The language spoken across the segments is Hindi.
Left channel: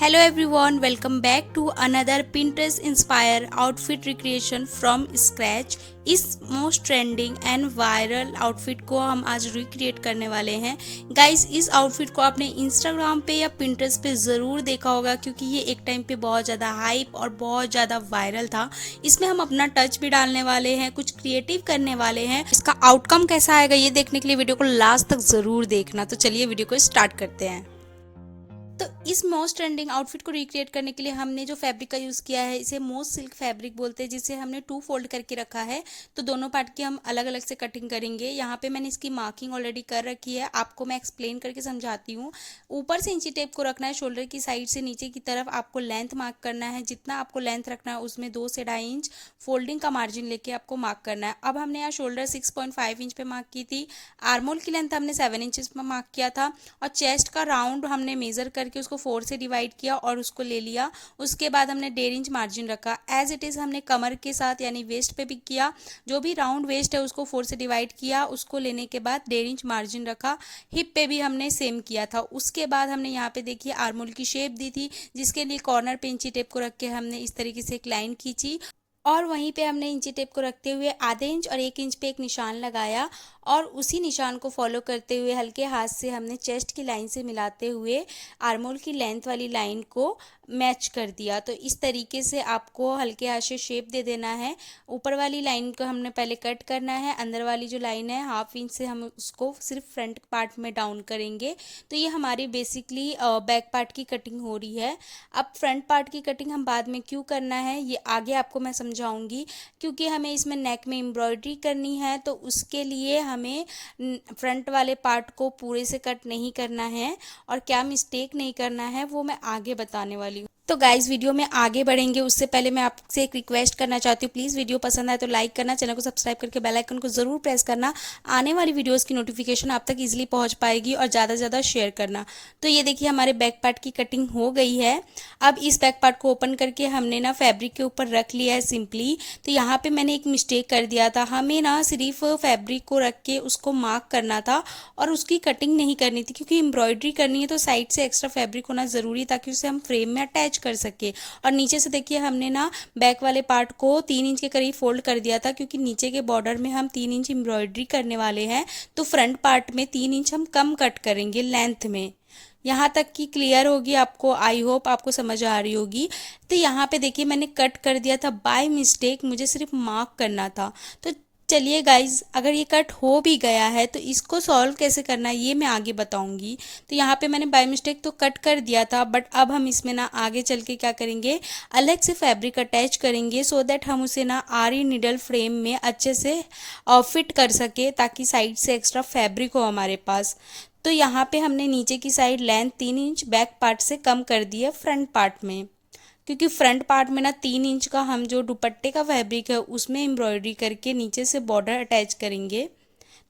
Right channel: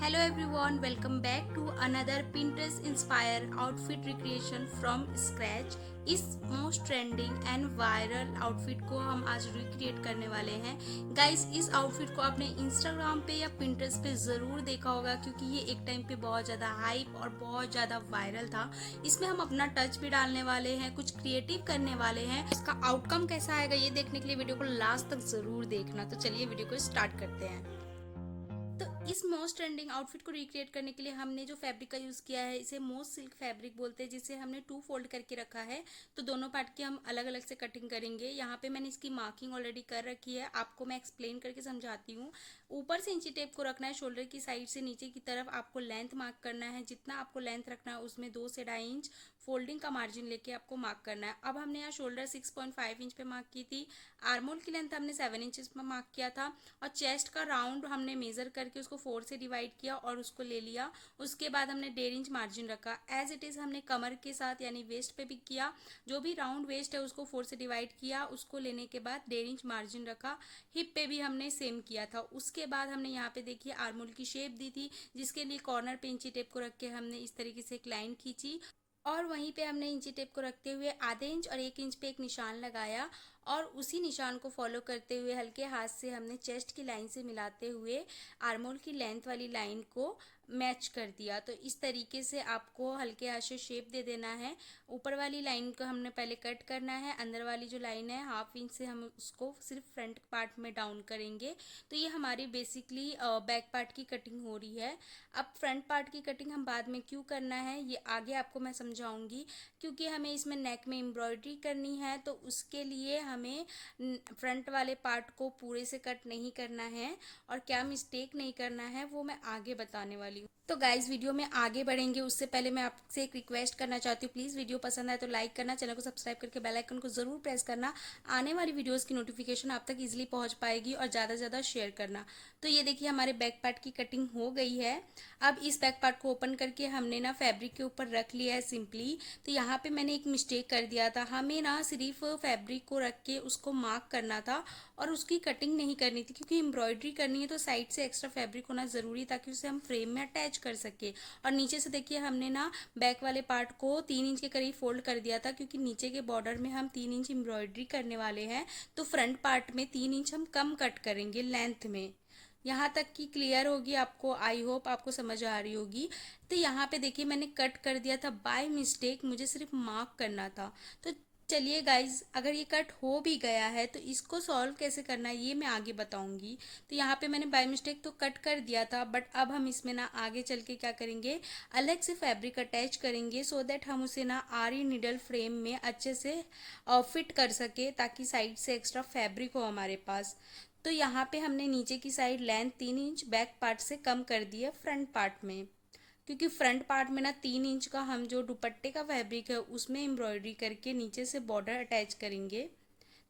Hello everyone, welcome back to another Pinterest inspired outfit recreation from scratch। इस most trending and viral outfit को हम आज रिक्रिएट करने वाले हैं। गाइस, इस आउटफिट को आपने इंस्टाग्राम पे या पिंटरेस्ट पे ज़रूर देखा होगा क्योंकि ये एक टाइम पे बहुत ज़्यादा हाइप और बहुत ज़्यादा वायरल था। इसमें हम अपना टच भी डालने वाले हैं, कुछ क्रिएटिव करने वाले हैं। इसका आउटकम कैसा आएगा ये देखने के लिए वीडियो को लास्ट तक ज़रूर देखना। तो चलिए वीडियो को स्टार्ट करते हैं। तो इस मोस्ट ट्रेंडिंग आउटफिट को रिक्रिएट करने के लिए हमने जो फैब्रिक का यूज़ किया है इसे मोस्ट सिल्क फैब्रिक बोलते हैं, जिसे हमने 2 फोल्ड करके रखा है। तो दोनों पार्ट की हम अलग अलग से कटिंग करेंगे। यहाँ पे मैंने इसकी मार्किंग ऑलरेडी कर रखी है, आपको मैं एक्सप्लेन करके समझाती हूँ। ऊपर से इंची टेप को रखना है, शोल्डर की साइड से नीचे की तरफ आपको लेंथ मार्क करना है। जितना आपको लेंथ रखना है उसमें 2 से 2.5 इंच फोल्डिंग का मार्जिन लेके आपको मार्क करना है। अब हमने यहाँ शोल्डर 6.5 इंच पे मार्क की थी, आर्मोल की लेंथ हमने 7 इंचज पे मार्क किया था, और चेस्ट का राउंड हमने मेजर करके उसको 4 से डिवाइड किया और उसको ले लिया। उसके बाद हमने 1.5 इंच मार्जिन रखा। एज इट इज़ हमने कमर के साथ यानी वेस्ट पे भी किया। जो भी राउंड वेस्ट है उसको 4 से डिवाइड किया, उसको लेने के बाद 1.5 इंच मार्जिन रखा। हिप पे भी हमने सेम किया था। उसके बाद हमने यहाँ पे देखिए आर्मोल की शेप दी थी, जिसके लिए कॉर्नर पे इंची टेप को रख के हमने इस तरीके से एक लाइन खींची, और वहीं पे हमने इंची टेप को रखते हुए आधे इंच और 1 इंच पे एक निशान लगाया, और उसी निशान को फॉलो करते हुए हल्के हाथ से हमने चेस्ट की लाइन से मिलाते हुए आर्मोल की लेंथ वाली लाइन को मैच कर दिया। तो इस तरीके से आपको हल्के हाथ से शेप दे देना है। ऊपर वाली लाइन को हमने पहले कट करना है, अंदर वाली जो लाइन है 1/2 इंच से हम उसको सिर्फ फ्रंट पार्ट में डाउन करेंगे। तो ये हमारी बेसिकली बैक पार्ट की कटिंग हो रही है। अब फ्रंट पार्ट की कटिंग हम बाद में क्यों करना है ये आगे आपको मैं समझाऊंगी, क्योंकि हमें इसमें नेक में एम्ब्रॉयडरी करनी है। तो उसके लिए हमें फ्रंट वाले पार्ट को पूरे से कट नहीं करना है, और क्या मिस्टेक नहीं करना है वो मैं आगे बताने वाली हूँ। तो गाइज, वीडियो में आगे बढ़ेंगे उससे पहले मैं आपसे एक रिक्वेस्ट करना चाहती हूँ। प्लीज़ वीडियो पसंद आए तो लाइक करना, चैनल को सब्सक्राइब करके बेल आइकन को ज़रूर प्रेस करना। आने वाली वीडियोस की नोटिफिकेशन आप तक इजीली पहुँच पाएगी, और ज़्यादा से ज़्यादा शेयर करना। तो ये देखिए हमारे बैक पार्ट की कटिंग हो गई है। अब इस बैक पार्ट को ओपन करके हमने ना फैब्रिक के ऊपर रख लिया है सिंपली। तो यहाँ पे मैंने एक मिस्टेक कर दिया था, हमें ना सिर्फ फैब्रिक को रख के उसको मार्क करना था और उसकी कटिंग नहीं करनी थी, क्योंकि एम्ब्रॉयडरी करनी है तो साइड से एक्स्ट्रा फैब्रिक होना ज़रूरी, ताकि उसे हम फ्रेम में अटैच कर सके। और नीचे से देखिए हमने ना बैक वाले पार्ट को 3 इंच के करीब फोल्ड कर दिया था, क्योंकि नीचे के बॉर्डर में हम 3 इंच एम्ब्रॉयडरी करने वाले हैं। तो फ्रंट पार्ट में 3 इंच हम कम कट करेंगे लेंथ में। यहाँ तक की क्लियर होगी आपको, आई होप आपको समझ आ रही होगी। तो यहाँ पे देखिए मैंने कट कर दिया था बाय मिस्टेक, मुझे सिर्फ मार्क करना था। तो चलिए गाइज, अगर ये कट हो भी गया है तो इसको सॉल्व कैसे करना है ये मैं आगे बताऊंगी। तो यहाँ पे मैंने बाय मिस्टेक तो कट कर दिया था, बट अब हम इसमें ना आगे चल के क्या करेंगे, अलग से फैब्रिक अटैच करेंगे, सो दैट हम उसे ना आरी नीडल फ्रेम में अच्छे से फिट कर सके, ताकि साइड से एक्स्ट्रा फैब्रिक हो हमारे पास। तो यहाँ पे हमने नीचे की side length 3 inch back part से कम कर दी है फ्रंट पार्ट में, क्योंकि फ्रंट पार्ट में ना 3 इंच का हम जो दुपट्टे का फैब्रिक है उसमें एम्ब्रॉयडरी करके नीचे से बॉर्डर अटैच करेंगे।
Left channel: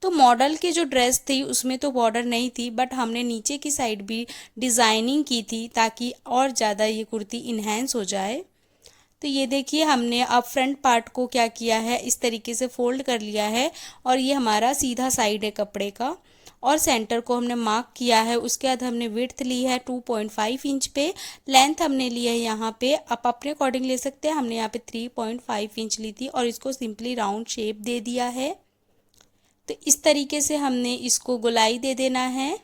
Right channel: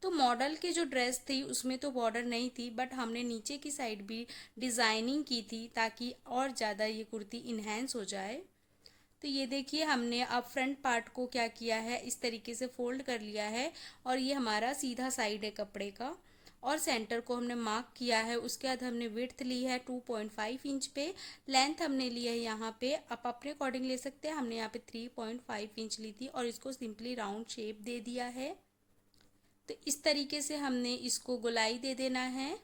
तो मॉडल की जो ड्रेस थी उसमें तो बॉर्डर नहीं थी, बट हमने नीचे की साइड भी डिज़ाइनिंग की थी, ताकि और ज़्यादा ये कुर्ती इन्हेंस हो जाए। तो ये देखिए हमने अब फ्रंट पार्ट को क्या किया है, इस तरीके से फोल्ड कर लिया है, और ये हमारा सीधा साइड है कपड़े का, और सेंटर को हमने मार्क किया है। उसके बाद हमने विड्थ ली है 2.5 इंच पे, लेंथ हमने ली है यहाँ पे, आप अपने अकॉर्डिंग ले सकते हैं, हमने यहाँ पे 3.5 इंच ली थी, और इसको सिंपली राउंड शेप दे दिया है। तो इस तरीके से हमने इसको गोलाई दे देना है।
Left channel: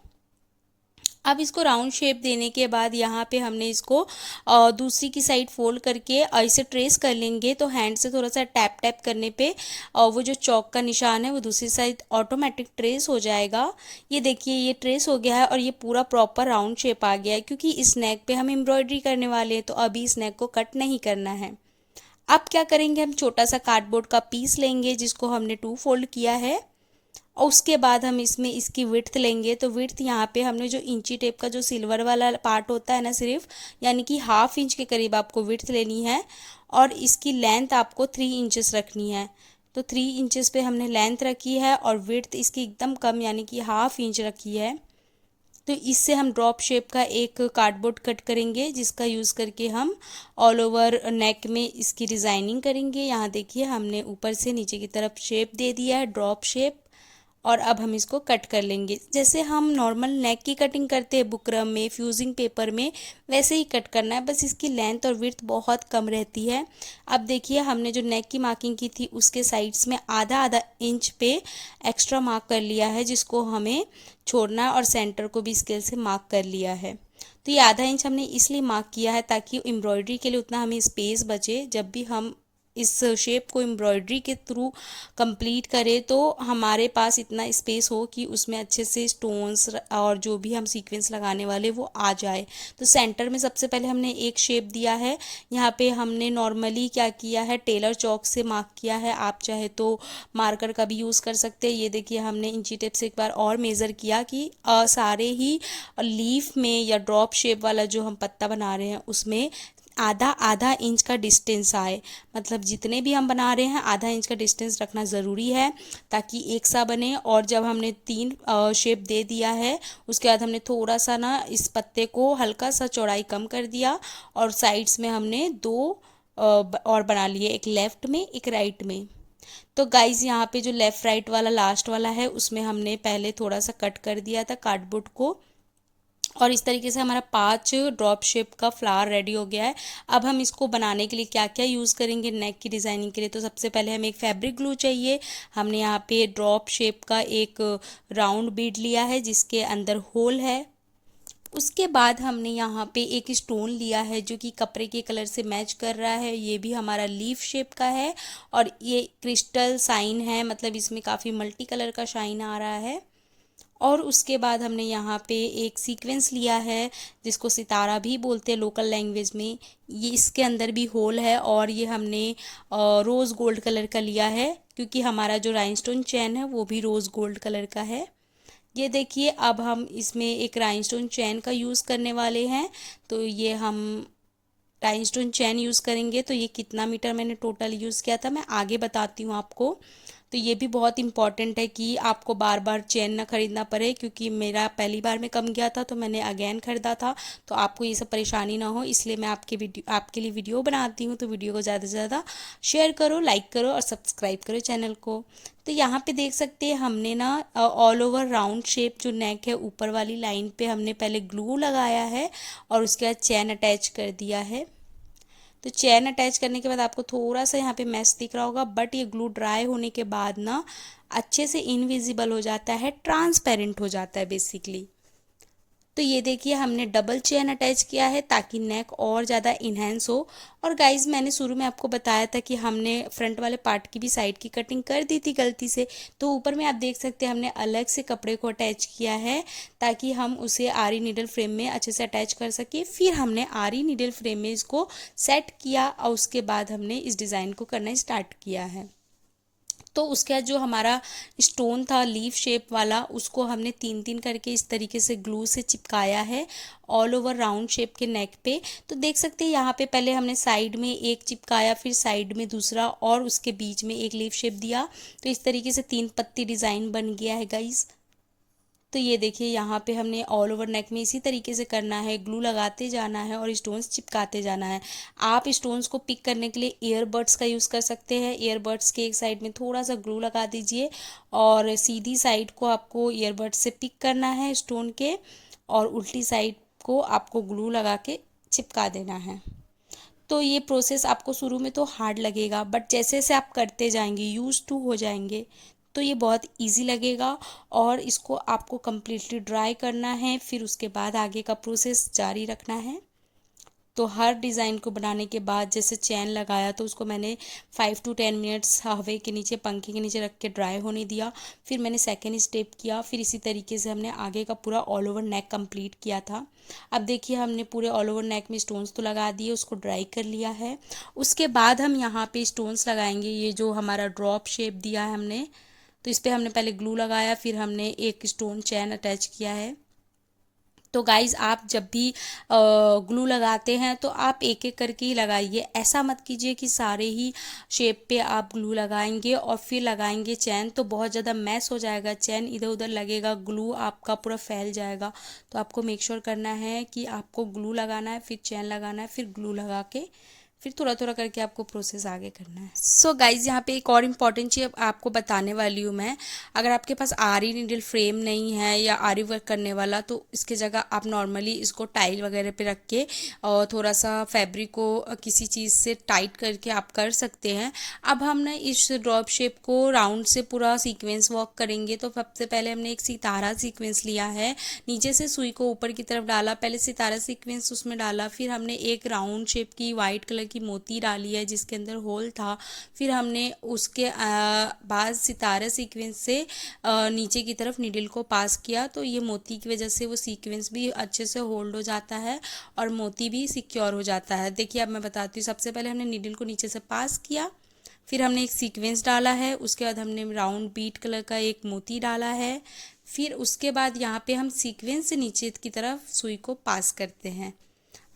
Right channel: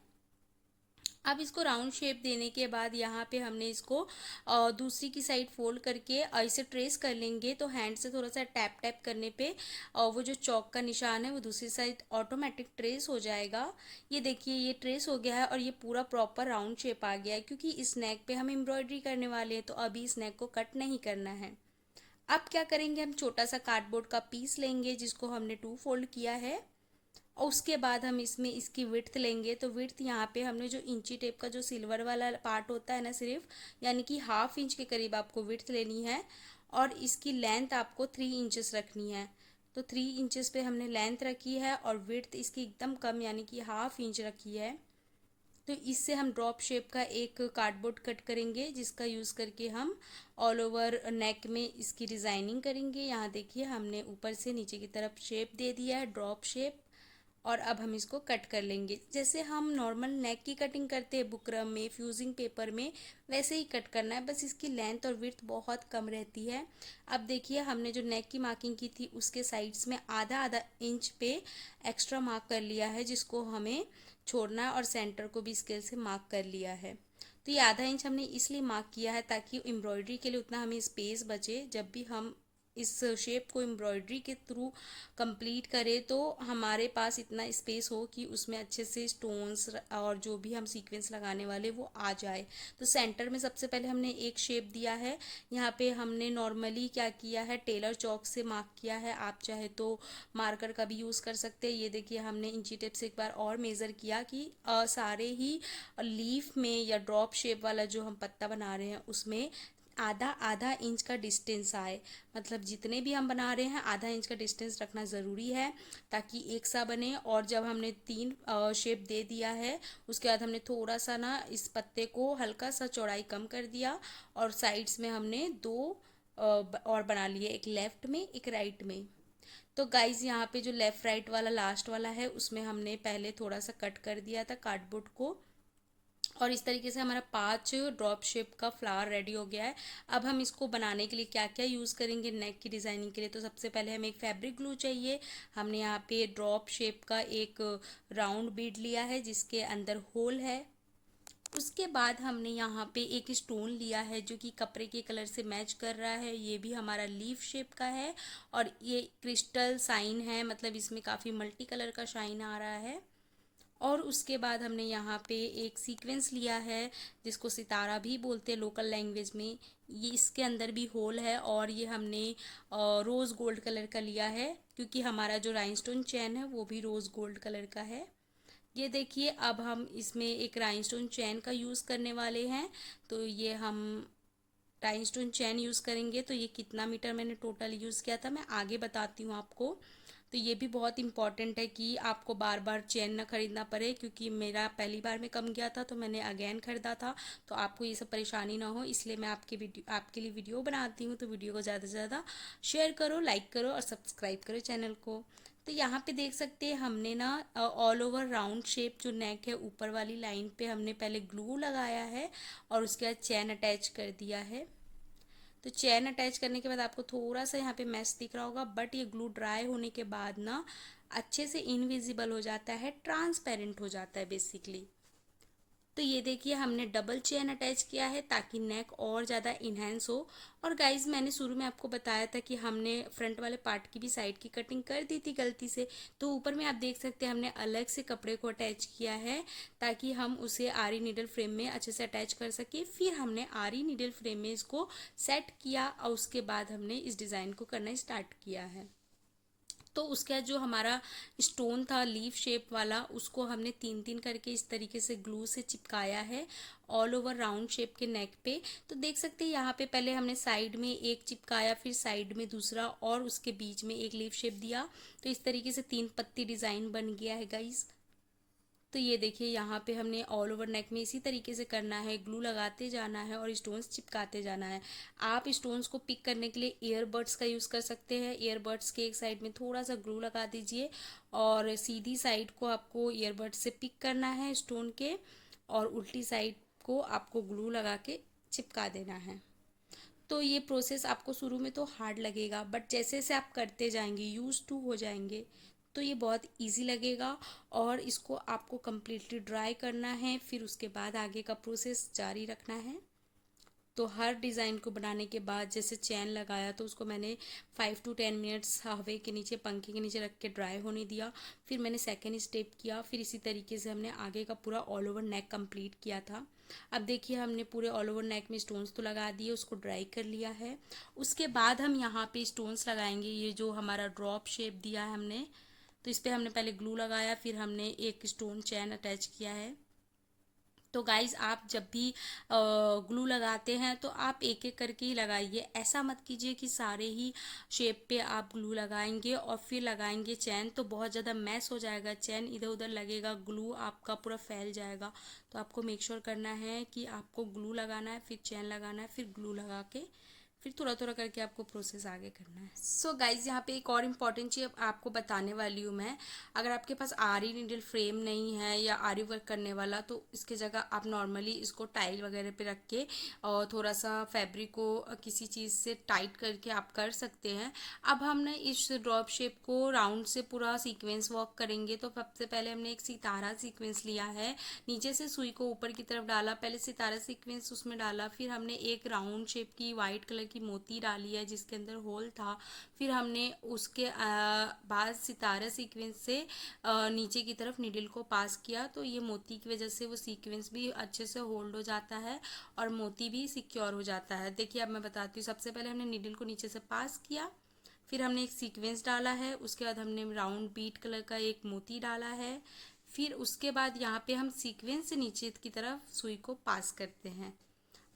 अब इसको राउंड शेप देने के बाद यहाँ पे हमने इसको दूसरी की साइड फोल्ड करके ऐसे ट्रेस कर लेंगे। तो हैंड से थोड़ा सा टैप टैप करने पे वो जो चौक का निशान है वो दूसरी साइड ऑटोमेटिक ट्रेस हो जाएगा। ये देखिए ये ट्रेस हो गया है, और ये पूरा प्रॉपर राउंड शेप आ गया है, क्योंकि इस नेक पे हम एम्ब्रॉयडरी करने वाले हैं, तो अभी इस नेक को कट नहीं करना है। अब क्या करेंगे, हम छोटा सा कार्डबोर्ड का पीस लेंगे जिसको हमने 2 फोल्ड किया है, और उसके बाद हम इसमें इसकी विड्थ लेंगे। तो विड्थ यहाँ पे हमने जो इंची टेप का जो सिल्वर वाला पार्ट होता है ना सिर्फ, यानी कि 1/2 इंच के करीब आपको विड्थ लेनी है, और इसकी लेंथ आपको 3 इंचेस रखनी है। तो 3 इंचेस पे हमने लेंथ रखी है, और विड्थ इसकी एकदम कम यानी कि 1/2 इंच रखी है। तो इससे हम ड्रॉप शेप का एक कार्डबोर्ड कट करेंगे, जिसका यूज़ करके हम ऑल ओवर नेक में इसकी डिज़ाइनिंग करेंगे। यहाँ देखिए हमने ऊपर से नीचे की तरफ शेप दे दिया है ड्रॉप शेप, और अब हम इसको कट कर लेंगे। जैसे हम नॉर्मल नेक की कटिंग करते हैं बुकरम में, फ्यूजिंग पेपर में, वैसे ही कट करना है, बस इसकी लेंथ और विड्थ बहुत कम रहती है। अब देखिए हमने जो नेक की मार्किंग की थी उसके साइड्स में आधा आधा इंच पे एक्स्ट्रा मार्क कर लिया है, जिसको हमें छोड़ना है, और सेंटर को भी स्केल से मार्क कर लिया है। तो ये आधा इंच हमने इसलिए मार्क किया है ताकि एम्ब्रॉयडरी के लिए उतना हमें स्पेस बचे। जब भी हम इस शेप को एम्ब्रॉयडरी के थ्रू कंप्लीट करें तो हमारे पास इतना स्पेस हो कि उसमें अच्छे से स्टोन्स और जो भी हम सीक्वेंस लगाने वाले वो आ जाए। तो सेंटर में सबसे पहले हमने एक शेप दिया है। यहाँ पे हमने नॉर्मली क्या किया है, टेलर चौक से मार्क किया है। आप चाहे तो मार्कर का भी यूज़ कर सकते हैं। ये देखिए हमने इंची टेप से एक बार और मेज़र किया कि सारे ही लीफ में या ड्रॉप शेप वाला जो हम पत्ता बना रहे हैं उसमें आधा आधा इंच का डिस्टेंस आए। मतलब जितने भी हम बना रहे हैं आधा इंच का डिस्टेंस रखना ज़रूरी है ताकि एक सा बने। और जब हमने 3 शेप दे दिया है उसके बाद हमने थोड़ा सा ना इस पत्ते को हल्का सा चौड़ाई कम कर दिया और साइड्स में हमने 2 और बना लिए, एक लेफ़्ट में एक राइट में। तो गाइज़ यहाँ पे जो लेफ़्ट राइट वाला लास्ट वाला है उसमें हमने पहले थोड़ा सा कट कर दिया था कार्डबोर्ड को, और इस तरीके से हमारा 5 ड्रॉप शेप का फ्लावर रेडी हो गया है। अब हम इसको बनाने के लिए क्या क्या यूज़ करेंगे नेक की डिज़ाइनिंग के लिए, तो सबसे पहले हमें एक फैब्रिक ग्लू चाहिए। हमने यहाँ पे ड्रॉप शेप का एक राउंड बीड लिया है जिसके अंदर होल है। उसके बाद हमने यहाँ पे एक स्टोन लिया है जो कि कपड़े के कलर से मैच कर रहा है। ये भी हमारा लीफ शेप का है और ये क्रिस्टल साइन है, मतलब इसमें काफ़ी मल्टी कलर का शाइन आ रहा है। और उसके बाद हमने यहाँ पे एक सीक्वेंस लिया है जिसको सितारा भी बोलते हैं लोकल लैंग्वेज में। ये इसके अंदर भी होल है और ये हमने रोज़ गोल्ड कलर का लिया है क्योंकि हमारा जो राइनस्टोन चैन है वो भी रोज़ गोल्ड कलर का है। ये देखिए अब हम इसमें एक राइनस्टोन चैन का यूज़ करने वाले हैं। तो ये हम राइनस्टोन चैन यूज़ करेंगे। तो ये कितना मीटर मैंने टोटल यूज़ किया था मैं आगे बताती हूँ आपको। तो ये भी बहुत इम्पॉर्टेंट है कि आपको बार बार चेन ना ख़रीदना पड़े, क्योंकि मेरा पहली बार में कम गया था तो मैंने अगेन ख़रीदा था। तो आपको ये सब परेशानी ना हो इसलिए मैं आपके लिए वीडियो बनाती हूँ। तो वीडियो को ज़्यादा से ज़्यादा शेयर करो, लाइक करो और सब्सक्राइब करो चैनल को। तो यहाँ पे देख सकते हैं हमने ना ऑल ओवर राउंड शेप जो नेक है ऊपर वाली लाइन पे हमने पहले ग्लू लगाया है और उसके बाद चैन अटैच कर दिया है। तो चैन अटैच करने के बाद आपको थोड़ा सा यहाँ पे मैस दिख रहा होगा, बट ये ग्लू ड्राई होने के बाद ना अच्छे से इनविजिबल हो जाता है, ट्रांसपेरेंट हो जाता है बेसिकली। तो ये देखिए हमने डबल चेन अटैच किया है ताकि नेक और ज़्यादा इन्हेंस हो। और गाइज मैंने शुरू में आपको बताया था कि हमने फ्रंट वाले पार्ट की भी साइड की कटिंग कर दी थी गलती से। तो ऊपर में आप देख सकते हैं हमने अलग से कपड़े को अटैच किया है ताकि हम उसे आरी नीडल फ्रेम में अच्छे से अटैच कर सके। फिर हमने आरी नीडल फ्रेम में इसको सेट किया और उसके बाद हमने इस डिज़ाइन को करना स्टार्ट किया है। तो उसके बाद जो हमारा स्टोन था लीफ शेप वाला उसको हमने 3-3 करके इस तरीके से ग्लू से चिपकाया है ऑल ओवर राउंड शेप के नेक पे। तो देख सकते हैं यहाँ पे पहले हमने साइड में एक चिपकाया, फिर साइड में दूसरा और उसके बीच में एक लीफ शेप दिया। तो इस तरीके से 3 पत्ती डिज़ाइन बन गया है गाइज। तो ये देखिए यहाँ पे हमने ऑल ओवर नेक में इसी तरीके से करना है, ग्लू लगाते जाना है और स्टोन्स चिपकाते जाना है। आप स्टोन्स को पिक करने के लिए ईयरबड्स का यूज़ कर सकते हैं। ईयरबड्स के एक साइड में थोड़ा सा ग्लू लगा दीजिए और सीधी साइड को आपको ईयरबड्स से पिक करना है स्टोन के, और उल्टी साइड को आपको ग्लू लगा के चिपका देना है। तो ये प्रोसेस आपको शुरू में तो हार्ड लगेगा, बट जैसे जैसे आप करते जाएंगे यूज़ टू हो जाएंगे तो ये बहुत इजी लगेगा। और इसको आपको कम्प्लीटली ड्राई करना है, फिर उसके बाद आगे का प्रोसेस जारी रखना है। तो हर डिज़ाइन को बनाने के बाद जैसे चैन लगाया तो उसको मैंने 5 to 10 मिनट्स हवा के नीचे, पंखे के नीचे रख के ड्राई होने दिया। फिर मैंने सेकेंड स्टेप किया, फिर इसी तरीके से हमने आगे का पूरा ऑल ओवर नेक कंप्लीट किया था। अब देखिए हमने पूरे ऑल ओवर नेक में स्टोन्स तो लगा दिए, उसको ड्राई कर लिया है। उसके बाद हम यहाँ पे स्टोन्स लगाएंगे। ये जो हमारा ड्रॉप शेप दिया है हमने, तो इस पर हमने पहले ग्लू लगाया, फिर हमने एक स्टोन चैन अटैच किया है। तो गाइज़ आप जब भी ग्लू लगाते हैं तो आप एक एक करके ही लगाइए। ऐसा मत कीजिए कि सारे ही शेप पे आप ग्लू लगाएंगे और फिर लगाएंगे चैन, तो बहुत ज़्यादा मैस हो जाएगा, चैन इधर उधर लगेगा, ग्लू आपका पूरा फैल जाएगा। तो आपको मेक श्योर करना है कि आपको ग्लू लगाना है, फिर चैन लगाना है, फिर ग्लू लगा के फिर थोड़ा थोड़ा करके आपको प्रोसेस आगे करना है। सो गाइज यहाँ पे एक और इम्पॉर्टेंट चीज़ आपको बताने वाली हूँ मैं। अगर आपके पास आरी नीडल फ्रेम नहीं है या आरी वर्क करने वाला, तो इसके जगह आप नॉर्मली इसको टाइल वगैरह पे रख के और थोड़ा सा फैब्रिक को किसी चीज़ से टाइट करके आप कर सकते हैं। अब हम ना इस ड्रॉप शेप को राउंड से पूरा सीक्वेंस वॉक करेंगे। तो सबसे पहले हमने एक सितारा सीक्वेंस लिया है, नीचे से सुई को ऊपर की तरफ डाला, पहले सितारा सीक्वेंस उसमें डाला, फिर हमने एक राउंड शेप की वाइट कलर की मोती डाली है जिसके अंदर होल था, फिर हमने उसके बाद सितारा सीक्वेंस से नीचे की तरफ नीडल को पास किया। तो ये मोती की वजह से वो सीक्वेंस भी अच्छे से होल्ड हो जाता है और मोती भी सिक्योर हो जाता है। देखिए अब मैं बताती हूँ। सबसे पहले हमने नीडल को नीचे से पास किया, फिर हमने एक सीक्वेंस डाला है, उसके बाद हमने राउंड बीट कलर का एक मोती डाला है, फिर उसके बाद यहाँ पे हम सीक्वेंस से नीचे की तरफ सुई को पास करते हैं।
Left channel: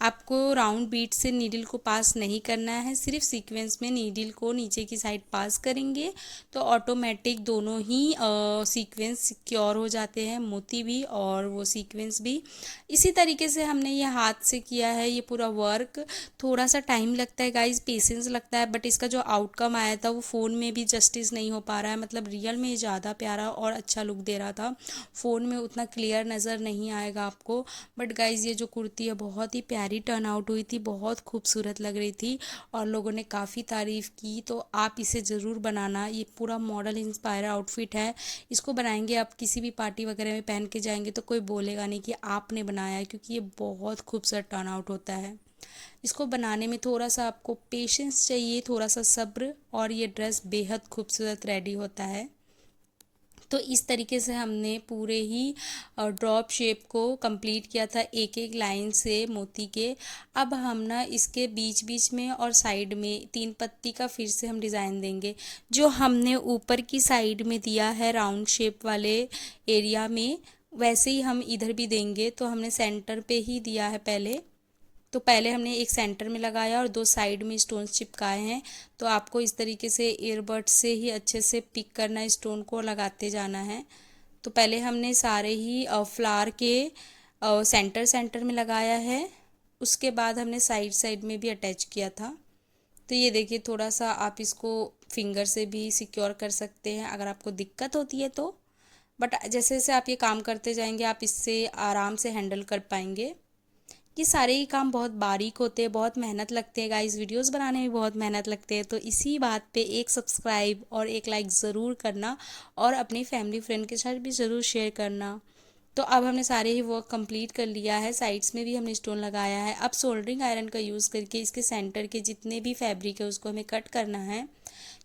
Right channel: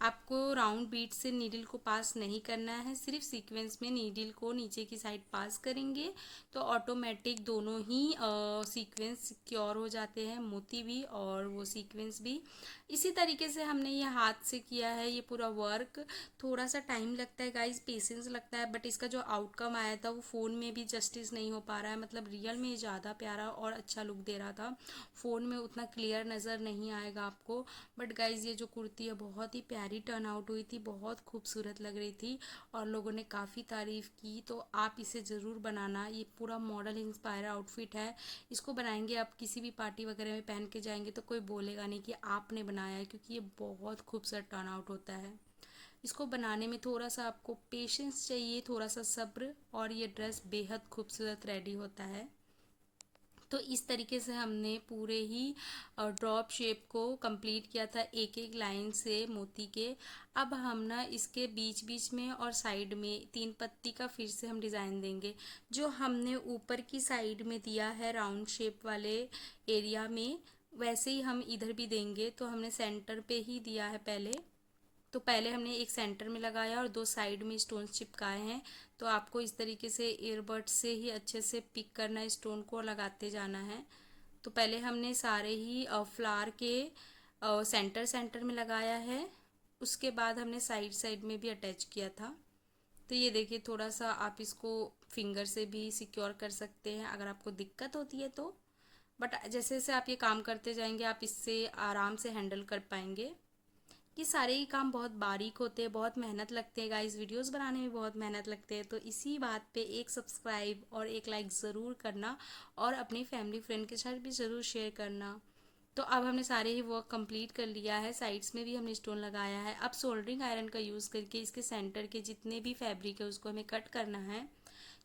आपको राउंड बीट से नीडल को पास नहीं करना है, सिर्फ सीक्वेंस में नीडल को नीचे की साइड पास करेंगे तो ऑटोमेटिक दोनों ही सीक्वेंस सिक्योर हो जाते हैं, मोती भी और वो सीक्वेंस भी। इसी तरीके से हमने ये हाथ से किया है ये पूरा वर्क। थोड़ा सा टाइम लगता है गाइस, पेशेंस लगता है, बट इसका जो आउटकम आया था वो फ़ोन में भी जस्टिस नहीं हो पा रहा है। मतलब रियल में ज़्यादा प्यारा और अच्छा लुक दे रहा था, फ़ोन में उतना क्लियर नज़र नहीं आएगा आपको। बट गाइज़ ये जो कुर्ती है बहुत ही प्यारी टर्न आउट हुई थी, बहुत खूबसूरत लग रही थी और लोगों ने काफ़ी तारीफ़ की। तो आप इसे ज़रूर बनाना। ये पूरा मॉडल इंस्पायर आउटफिट है, इसको बनाएंगे आप किसी भी पार्टी वगैरह में पहन के जाएंगे तो कोई बोलेगा नहीं कि आपने बनाया है, क्योंकि ये बहुत खूबसूरत टर्न आउट होता है। इसको बनाने में थोड़ा सा आपको पेशेंस चाहिए, थोड़ा सा सब्र, और ये ड्रेस बेहद खूबसूरत रेडी होता है। तो इस तरीके से हमने पूरे ही ड्रॉप शेप को कंप्लीट किया था एक एक लाइन से मोती के। अब हम ना इसके बीच बीच में और साइड में 3 पत्ती का फिर से हम डिज़ाइन देंगे। जो हमने ऊपर की साइड में दिया है राउंड शेप वाले एरिया में, वैसे ही हम इधर भी देंगे। तो हमने सेंटर पे ही दिया है पहले, तो पहले हमने एक सेंटर में लगाया और 2 साइड में स्टोन्स चिपकाए हैं। तो आपको इस तरीके से ईयरबड से ही अच्छे से पिक करना है, स्टोन को लगाते जाना है। तो पहले हमने सारे ही फ्लावर के सेंटर सेंटर में लगाया है, उसके बाद हमने साइड साइड में भी अटैच किया था। तो ये देखिए, थोड़ा सा आप इसको फिंगर से भी सिक्योर कर सकते हैं अगर आपको दिक्कत होती है तो, बट जैसे जैसे आप ये काम करते जाएंगे आप इससे आराम से हैंडल कर पाएंगे। ये सारे ही काम बहुत बारीक होते हैं, बहुत मेहनत लगते हैं गाइस, वीडियोस बनाने में बहुत मेहनत लगते हैं। तो इसी बात पे एक सब्सक्राइब और एक लाइक ज़रूर करना और अपनी फैमिली फ्रेंड के साथ भी ज़रूर शेयर करना। तो अब हमने सारे ही वर्क कंप्लीट कर लिया है, साइड्स में भी हमने स्टोन लगाया है। अब सोल्डरिंग आयरन का यूज़ करके इसके सेंटर के जितने भी फैब्रिक है उसको हमें कट करना है।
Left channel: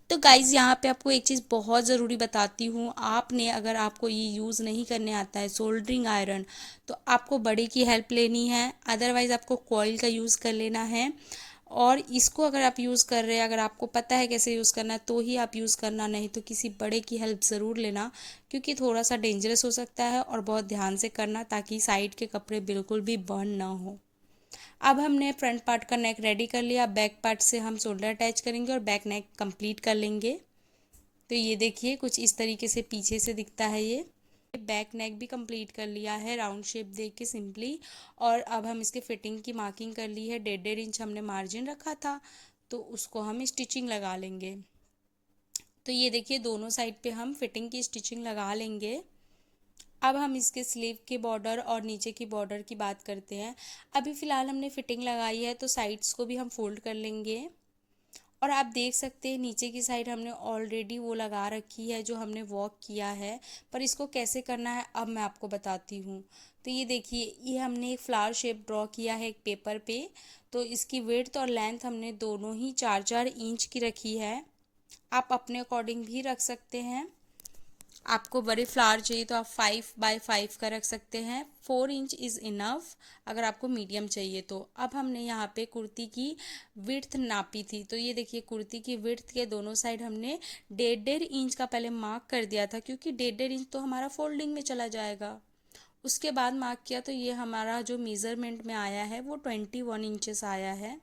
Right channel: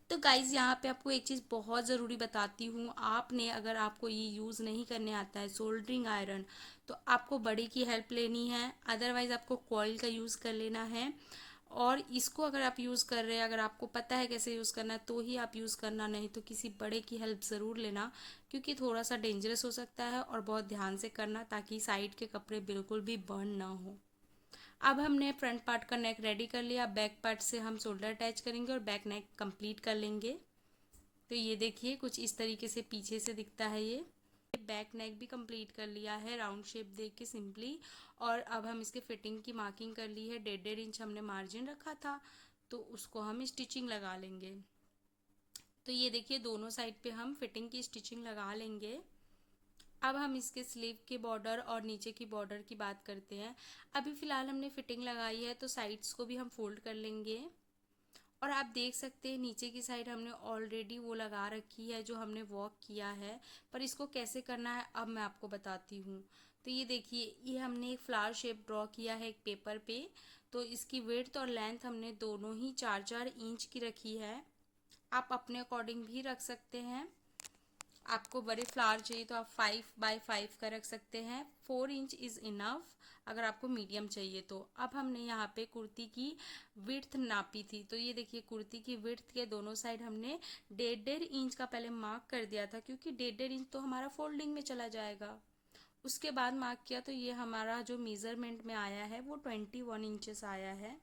तो गाइज़ यहाँ पे आपको एक चीज़ बहुत ज़रूरी बताती हूँ। आपने अगर आपको ये यूज़ नहीं करने आता है सोल्डरिंग आयरन, तो आपको बड़े की हेल्प लेनी है, अदरवाइज़ आपको कॉइल का यूज़ कर लेना है। और इसको अगर आप यूज़ कर रहे हैं, अगर आपको पता है कैसे यूज़ करना है तो ही आप यूज़ करना, नहीं तो किसी बड़े की हेल्प ज़रूर लेना, क्योंकि थोड़ा सा डेंजरस हो सकता है। और बहुत ध्यान से करना ताकि साइड के कपड़े बिल्कुल भी बर्न ना हो। अब हमने फ्रंट पार्ट का नेक रेडी कर लिया, बैक पार्ट से हम शोल्डर अटैच करेंगे और बैक नेक कंप्लीट कर लेंगे। तो ये देखिए कुछ इस तरीके से पीछे से दिखता है ये। बैक नेक भी कंप्लीट कर लिया है राउंड शेप दे के सिंपली। और अब हम इसके फिटिंग की मार्किंग कर ली है, 1.5 इंच हमने मार्जिन रखा था, तो उसको हम स्टिचिंग लगा लेंगे। तो ये देखिए दोनों साइड पे हम फिटिंग की स्टिचिंग लगा लेंगे। अब हम इसके स्लीव के बॉर्डर और नीचे की बॉर्डर की बात करते हैं। अभी फ़िलहाल हमने फिटिंग लगाई है तो साइड्स को भी हम फोल्ड कर लेंगे। और आप देख सकते हैं नीचे की साइड हमने ऑलरेडी वो लगा रखी है जो हमने वॉक किया है, पर इसको कैसे करना है अब मैं आपको बताती हूँ। तो ये देखिए, ये हमने एक फ्लावर शेप ड्रॉ किया है एक पेपर पे। तो इसकी विड्थ और लेंथ हमने दोनों ही 4-4 इंच की रखी है। आप अपने अकॉर्डिंग भी रख सकते हैं। आपको बड़े फ्लावर चाहिए तो आप 5x5 का रख सकते हैं, 4 इंच इज़ इनफ अगर आपको मीडियम चाहिए तो। अब हमने यहाँ पे कुर्ती की विड्थ नापी थी, तो ये देखिए कुर्ती की विड्थ के दोनों साइड हमने 1.5 इंच का पहले मार्क कर दिया था, क्योंकि 1.5 इंच तो हमारा फोल्डिंग में चला जाएगा। उसके बाद मार्क किया तो ये हमारा जो मेज़रमेंट में आया है वो 21 इंचेस आया है।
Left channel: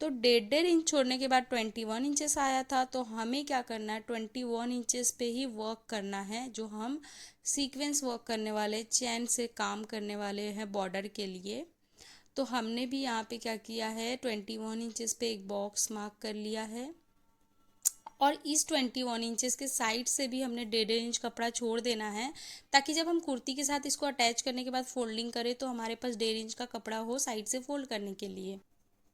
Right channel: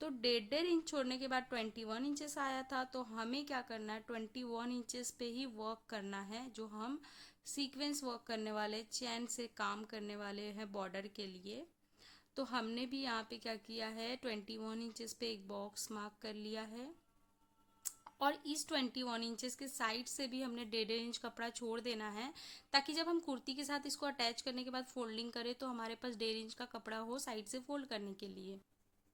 तो 1.5 इंच छोड़ने के बाद 21 इंचेस आया था, तो हमें क्या करना है, 21 इंचेस पे ही वर्क करना है, जो हम सीक्वेंस वर्क करने वाले, चैन से काम करने वाले हैं बॉर्डर के लिए। तो हमने भी यहाँ पे क्या किया है, 21 इंचेस पे एक बॉक्स मार्क कर लिया है और इस 21 इंचेस के साइड से भी हमने 1.5 इंच कपड़ा छोड़ देना है, ताकि जब हम कुर्ती के साथ इसको अटैच करने के बाद फोल्डिंग करें तो हमारे पास 1.5 इंच का कपड़ा हो साइड से फोल्ड करने के लिए।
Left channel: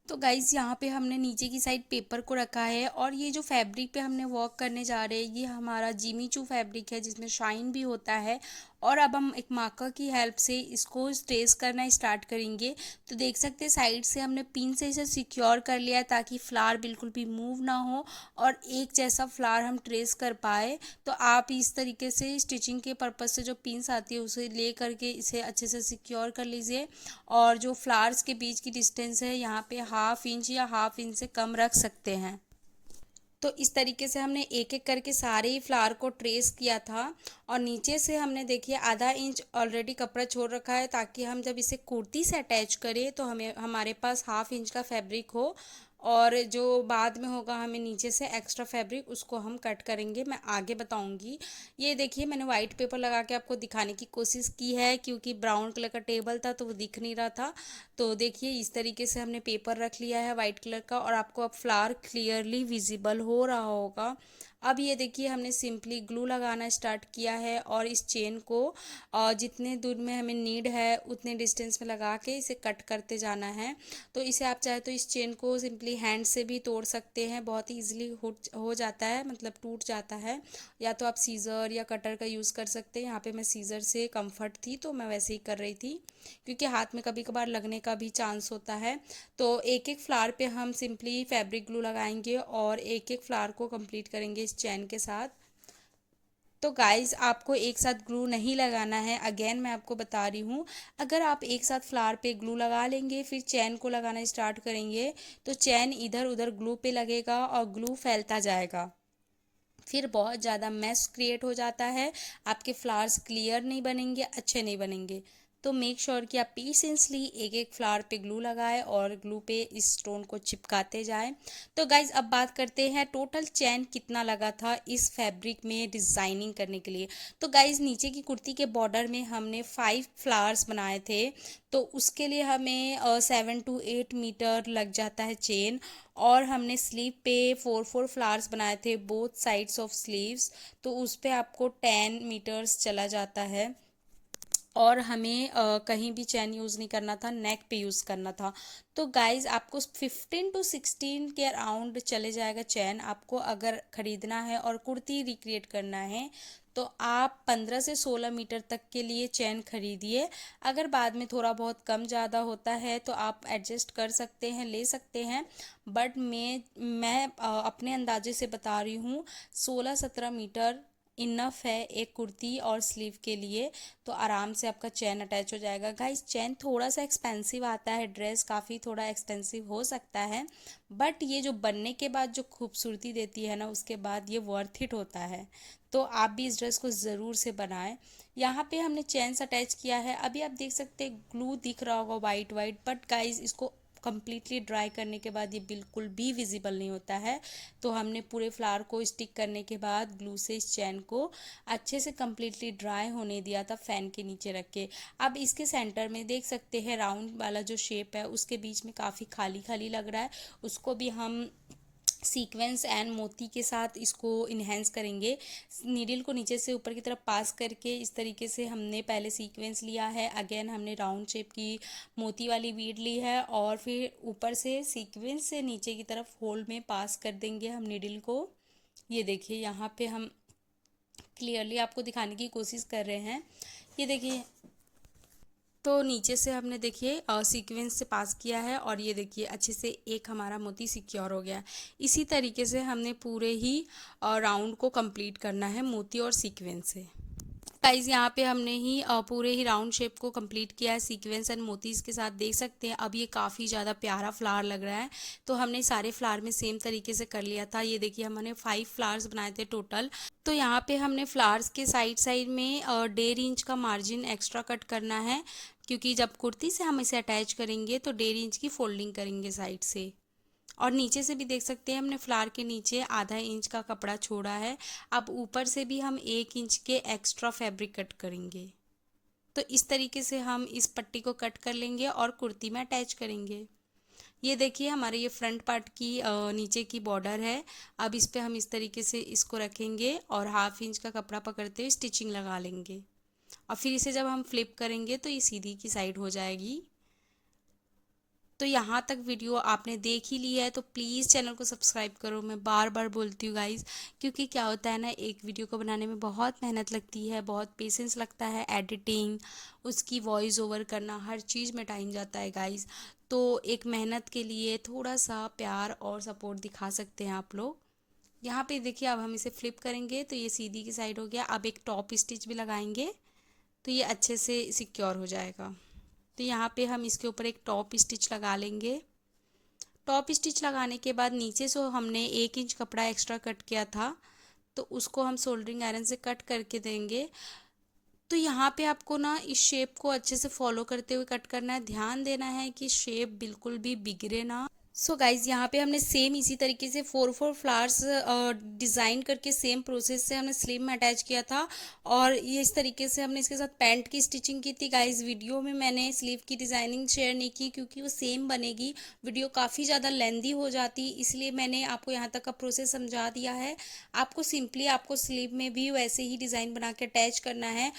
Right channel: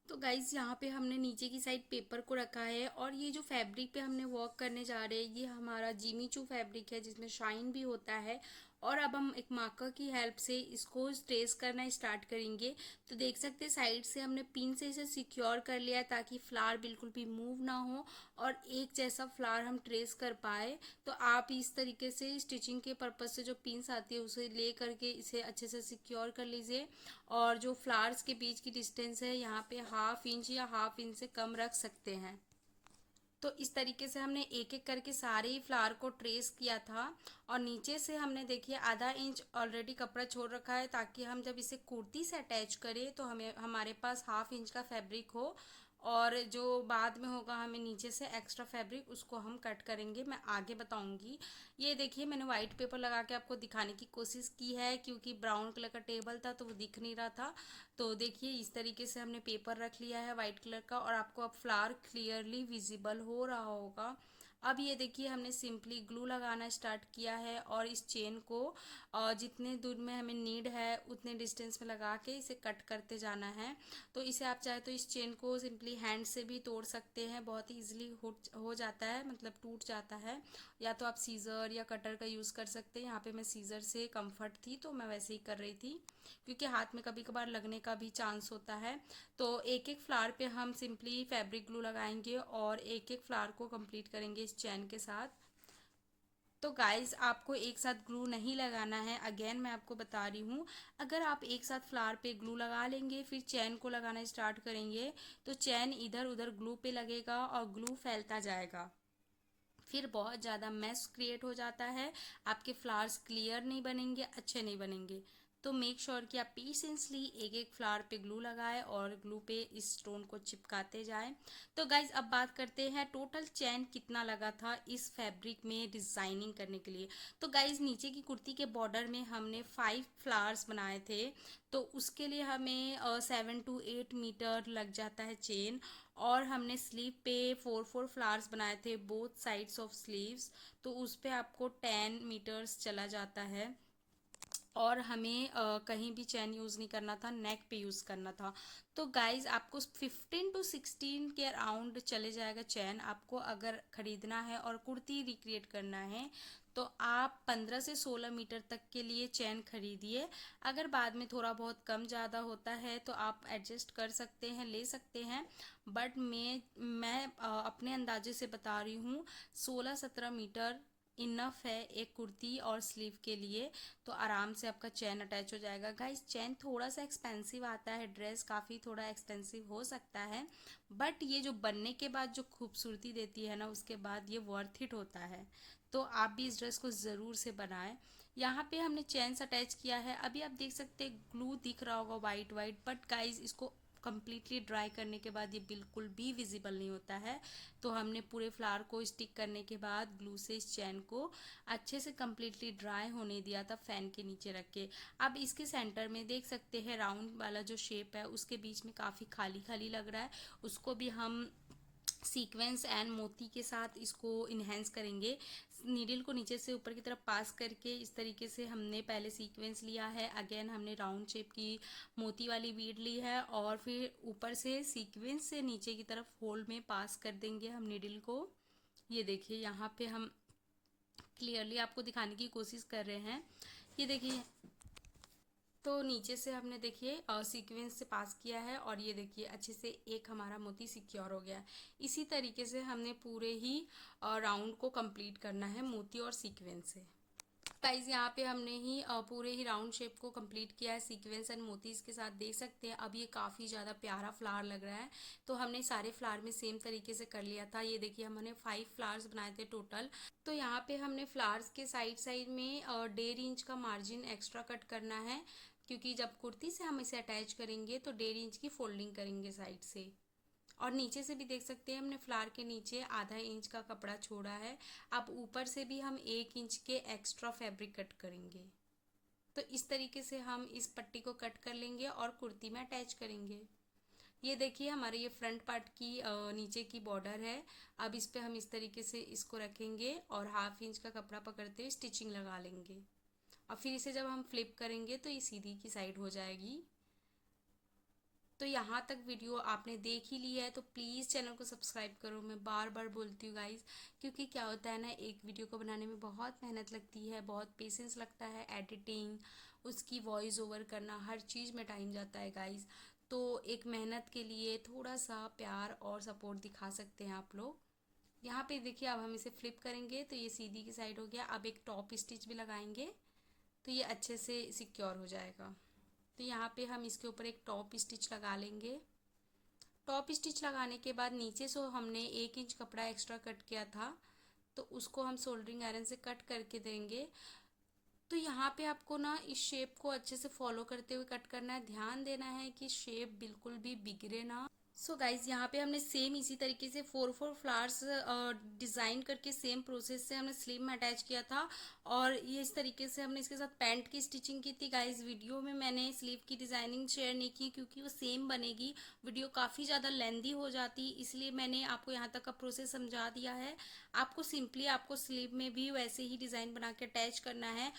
तो गाइज़ यहाँ पे हमने नीचे की साइड पेपर को रखा है और ये जो फैब्रिक पे हमने वर्क करने जा रहे हैं ये हमारा जिमी चू फैब्रिक है जिसमें शाइन भी होता है। और अब हम एक मार्कर की हेल्प से इसको ट्रेस करना स्टार्ट करेंगे। तो देख सकते हैं साइड से हमने पिन से इसे सिक्योर कर लिया है ताकि फ्लावर बिल्कुल भी मूव ना हो और एक जैसा फ्लावर हम ट्रेस कर पाए। तो आप इस तरीके से स्टिचिंग के पर्पज़ से जो पिन्स आती है उसे ले करके इसे अच्छे से सिक्योर कर लीजिए। और जो फ्लावर्स के बीच की डिस्टेंस है यहाँ पे 1/2 इंच या 1/2 इंच से कम रख सकते हैं। तो इस तरीके से हमने एक एक करके सारे ही फ्लावर को ट्रेस किया था और नीचे से हमने देखिए आधा इंच ऑलरेडी कपड़ा छोड़ रखा है ताकि हम जब इसे कुर्ती से अटैच करें तो हमें हमारे पास 1/2 इंच का फैब्रिक हो। और जो बाद में होगा हमें नीचे से एक्स्ट्रा फैब्रिक उसको हम कट करेंगे, मैं आगे बताऊंगी। ये देखिए मैंने वाइट पेपर लगा के आपको दिखाने की कोशिश की है क्योंकि ब्राउन कलर का टेबल था तो वो दिख नहीं रहा था। तो देखिए इस तरीके से हमने पेपर रख लिया है वाइट कलर का और आपको अब फ्लावर क्लियरली विजिबल हो रहा होगा। अब ये देखिए हमने सिंपली ग्लू लगाना स्टार्ट किया है और इस चेन को जितने दूर में हमें नीड है उतने डिस्टेंस में लगा के इसे कट करते जाना है। तो इसे आप चाहे तो इस चेन को सिंपली हैंड से भी तोड़ सकते हैं, बहुत ही ईजिली हो जाता है, मतलब टूट जाता है। या तो आप सीज़र या कटर का यूज़ कर सकते हैं। यहाँ पे मैं सीज़र से कंफर्ट थी तो मैं वैसे ही कर रही थी क्योंकि हाथ में कभी कभार लगने का भी चांस होता है। तो एक एक फ्लावर पे हम सिंपली फैब्रिक ग्लू लगाएंगे और एक एक फ्लावर को कंप्लीट करेंगे इस चैन के साथ। तो गाइज़ आपको एक साथ ग्लू नहीं लगाना है, अगेन मैं आपको बता रही हूँ। अगर आप एक साथ फ्लावर पे ग्लू लगा लेंगे फिर चैन को लगाना स्टार्ट करेंगे तो चैन इधर उधर ग्लू पे लगेगा और ग्लू फैलता जाएगा, फिर बहुत ज़्यादा मैस क्रिएट हो जाता है, आपके फ्लावर्स क्लियर नहीं बनेंगे, अच्छे नहीं बनेंगे। तो मेक श्योर कि आप पेशेंसली एक एक फ्लावर पे ग्लू लगाएं और ग्लू पे इस स्टोन को चिपकाते जाएं। तो गाइज अब बात करते हैं टोटल चैन कितना लगा था इस फैब्रिक में डिज़ाइनिंग करने के लिए। तो गाइज नीचे की कुर्ती के बॉर्डर में हमने 5 फ्लावर्स बनाए थे तो उसके लिए हमें 7 to 8 मीटर लग जाता है चेन। और हमने स्लीव पे 4 फ्लावर्स बनाए थे बोथ साइड्स ऑफ स्लीव्स, तो उस पे आपको 10 मीटर्स चला जाता है। और हमें कहीं भी चैन यूज़ नहीं करना था, नेक पे यूज़ करना था। तो गाइज़ आपको 15 to 16 के अराउंड चले जाएगा चैन, आपको अगर ख़रीदना है और कुर्ती रिक्रिएट करना है तो आप 15 से 16 मीटर तक के लिए चैन खरीदिए। अगर बाद में थोड़ा बहुत कम ज़्यादा होता है तो आप एडजस्ट कर सकते हैं, ले सकते हैं। बट मैं अपने अंदाजे से बता रही हूँ 16-17 मीटर इनफ है एक कुर्ती और स्लीव के लिए। तो आराम से आपका चैन अटैच हो जाएगा। गाइस चैन थोड़ा सा एक्सपेंसिव आता है, ड्रेस काफ़ी थोड़ा एक्सपेंसिव हो सकता है, बट ये जो बनने के बाद जो खूबसूरती देती है ना उसके बाद ये वर्थ इट होता है। तो आप भी इस ड्रेस को ज़रूर से बनाएं। यहाँ पे हमने चैन से अटैच किया है, अभी आप देख सकते हैं ग्लू दिख रहा होगा वाइट वाइट, बट गाइस इसको कम्प्लीटली ड्राई करने के बाद ये बिल्कुल भी विजिबल नहीं होता है। तो हमने पूरे फ्लावर को स्टिक करने के बाद ग्लू से इस चैन को अच्छे से कम्प्लीटली ड्राई होने दिया था फैन के नीचे रख के। अब इसके सेंटर में देख सकते हैं राउंड वाला जो शेप है उसके बीच में काफ़ी खाली खाली लग रहा है, उसको भी हम सीक्वेंस एंड मोती के साथ इसको इन्हेंस करेंगे। नीडल को नीचे से ऊपर की तरफ पास करके इस तरीके से हमने पहले सीक्वेंस लिया है, अगेन हमने राउंड शेप की मोती वाली बीड ली है और फिर ऊपर से सीक्वेंस से नीचे की तरफ होल में पास कर देंगे हम नीडल को। ये देखिए यहाँ पे हम क्लियरली आपको दिखाने की कोशिश कर रहे हैं। ये देखिए तो नीचे से हमने देखिए सीक्वेंस से पास किया है और ये देखिए अच्छे से एक हमारा मोती सिक्योर हो गया है। इसी तरीके से हमने पूरे ही राउंड को कंप्लीट करना है मोती और सीक्वेंस से। गाइज यहाँ पे हमने ही पूरे ही राउंड शेप को कंप्लीट किया है सीक्वेंस एंड मोतीज के साथ, देख सकते हैं अब ये काफ़ी ज़्यादा प्यारा फ्लावर लग रहा है। तो हमने सारे फ्लावर में सेम तरीके से कर लिया था। ये देखिए हमने 5 फ्लावर्स बनाए थे टोटल। तो यहाँ पे हमने फ्लावर्स के साइड साइड में 1.5 इंच का मार्जिन एक्स्ट्रा कट करना है क्योंकि जब कुर्ती से हम इसे अटैच करेंगे तो 1.5 इंच की फोल्डिंग करेंगे साइड से। और नीचे से भी देख सकते हैं हमने फ्लावर के नीचे आधा इंच का कपड़ा छोड़ा है। अब ऊपर से भी हम 1 इंच के एक्स्ट्रा फैब्रिक कट करेंगे। तो इस तरीके से हम इस पट्टी को कट कर लेंगे और कुर्ती में अटैच करेंगे। ये देखिए हमारे ये फ्रंट पार्ट की नीचे की बॉर्डर है। अब इस पे हम इस तरीके से इसको रखेंगे और 1/2 इंच का कपड़ा पकड़ते हुए स्टिचिंग लगा लेंगे और फिर इसे जब हम फ्लिप करेंगे तो ये सीधी की साइड हो जाएगी। तो यहाँ तक वीडियो आपने देख ही ली है तो प्लीज़ चैनल को सब्सक्राइब करो। मैं बार बार बोलती हूँ गाइज़, क्योंकि क्या होता है ना, एक वीडियो को बनाने में बहुत मेहनत लगती है, बहुत पेशेंस लगता है, एडिटिंग, उसकी वॉइस ओवर करना, हर चीज़ में टाइम जाता है गाइज़। तो एक मेहनत के लिए थोड़ा सा प्यार और सपोर्ट दिखा सकते हैं आप लोग। यहाँ पे देखिए अब हम इसे फ्लिप करेंगे तो ये सीधी की साइड हो गया। अब एक टॉप स्टिच भी लगाएंगे तो ये अच्छे से सिक्योर हो जाएगा। तो यहाँ पे हम इसके ऊपर एक टॉप स्टिच लगा लेंगे। टॉप स्टिच लगाने के बाद नीचे से हमने 1 इंच कपड़ा एक्स्ट्रा कट किया था तो उसको हम सोल्डरिंग आयरन से कट करके देंगे। तो यहाँ पे आपको ना इस शेप को अच्छे से फॉलो करते हुए कट करना है, ध्यान देना है कि शेप बिल्कुल भी बिगड़े ना। सो गाइज यहाँ पे हमने सेम इसी तरीके से 4 फ्लावर्स डिज़ाइन करके सेम प्रोसेस से हमने स्लीव में अटैच किया था और ये इस तरीके से हमने इसके साथ पैंट की स्टिचिंग की थी। गाइज वीडियो में मैंने स्लीव की डिज़ाइनिंग शेयर नहीं की क्योंकि वो सेम बनेगी, वीडियो काफ़ी ज़्यादा लेंदी हो जाती, इसलिए मैंने आपको यहाँ तक का प्रोसेस समझा दिया है। आपको सिंपली आपको स्लीव में भी वैसे ही डिज़ाइन बना के अटैच करना है।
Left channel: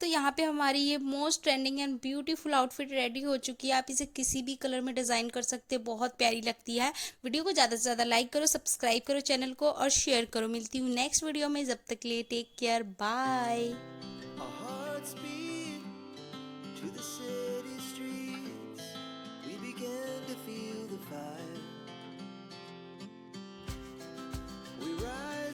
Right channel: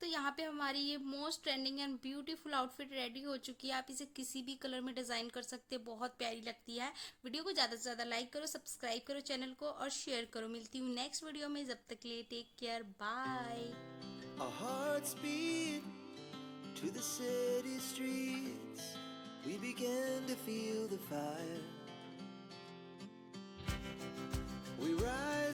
तो यहाँ पे हमारी ये most trending and beautiful outfit ready हो चुकी है। आप इसे किसी भी कलर में डिज़ाइन कर सकते हैं, बहुत प्यारी लगती है। वीडियो को ज़्यादा से ज़्यादा लाइक करो, सब्सक्राइब करो चैनल को और शेयर करो। मिलती हूँ नेक्स्ट वीडियो में, जब तक के लिए take care, bye. Our hearts beat to the city streets. We began to feel the fire.